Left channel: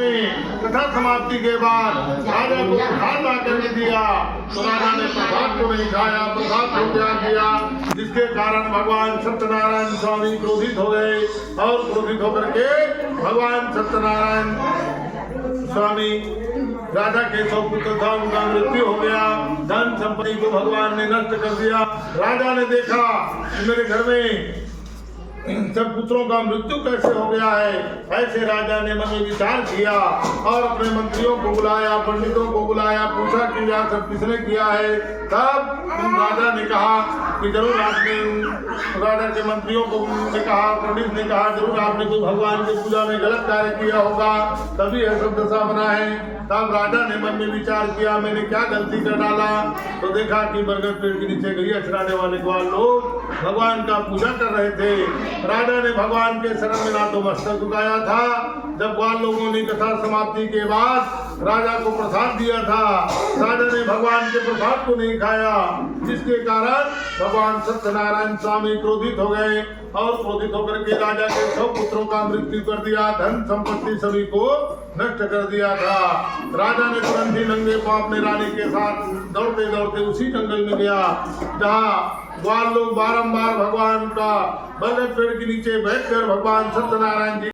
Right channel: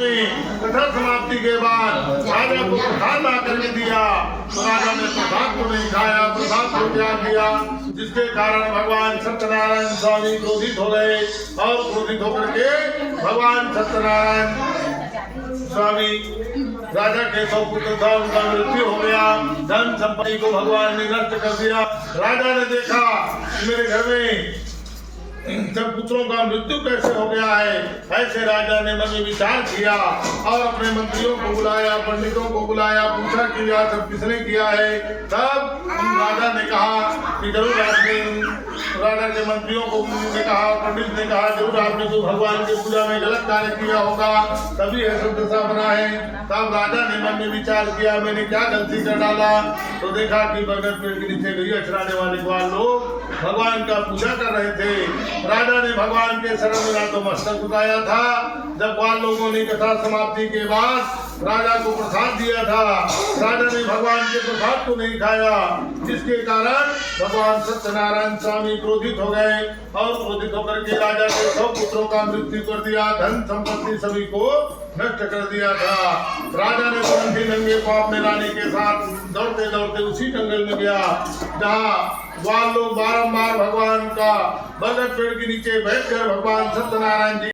में कथा समाप्ति के बाद राजा को प्रसाद ला करके दिया तो राजा ने प्रसाद को नहीं खाया, प्रसाद को त्याग दिया, जिसके कारण भगवान सत्यनारायण स्वामी क्रोधित हो गए और क्रोधित होकर के भगवान सत्यनारायण स्वामी राजा के सौ पुत्र था, उनका मृत्यु हो गया। धन संपत्ति को भगवान ने नष्ट कर दिया। राजा ने देखा कि मेरे घर में सब पुत्रों का मृत्यु कैसे हो गया है। ऐसे राजा ने मन में विचार किया और अपने मंत्रियों को बुलाया, पंडितों को बुलाया, पूछा कि यह सब किसने किया है। तब राजा ने कहा कि जरूर आपने, राजा के मंत्रियों को ने कहा, पंडित ने कहा जरूर आपने कोई भगवान की पूजा में गलत कार्य किया होगा, तभी यह सब दशा बना है। तब राजा ने मन में विचार किया मैंने क्या गलती कर डाला। तो देखा कि बरगद पेड़ के नीचे गैया चराने वाले ग्वाल लोग भगवान का पूजा कर रहे थे। राजा ने भगवान के शरण में रातों मस्तक झुकाया था। जब ग्वाल लोगों ने कथा समाप्ति के बाद राजा को प्रसाद दिया था, राजा ने भगवान के प्रसाद को नहीं खाया, जिसके कारण भगवान सत्यनारायण स्वामी क्रोधित हो गए और क्रोधित होकर के राजा के 100 पुत्रों का मृत्यु कर दिया, धन संपत्ति सभी को नष्ट कर दिया था। राजा ने तुरंत ही नंगे पांव अपने रानी के साथ दौड़ते दौड़ते उसी जंगल में गया जहाँ ग्वाल लोग बारंबार भगवान का बरगद पेड़ के नीचे बैठकर भगवान सत्यनारायण जी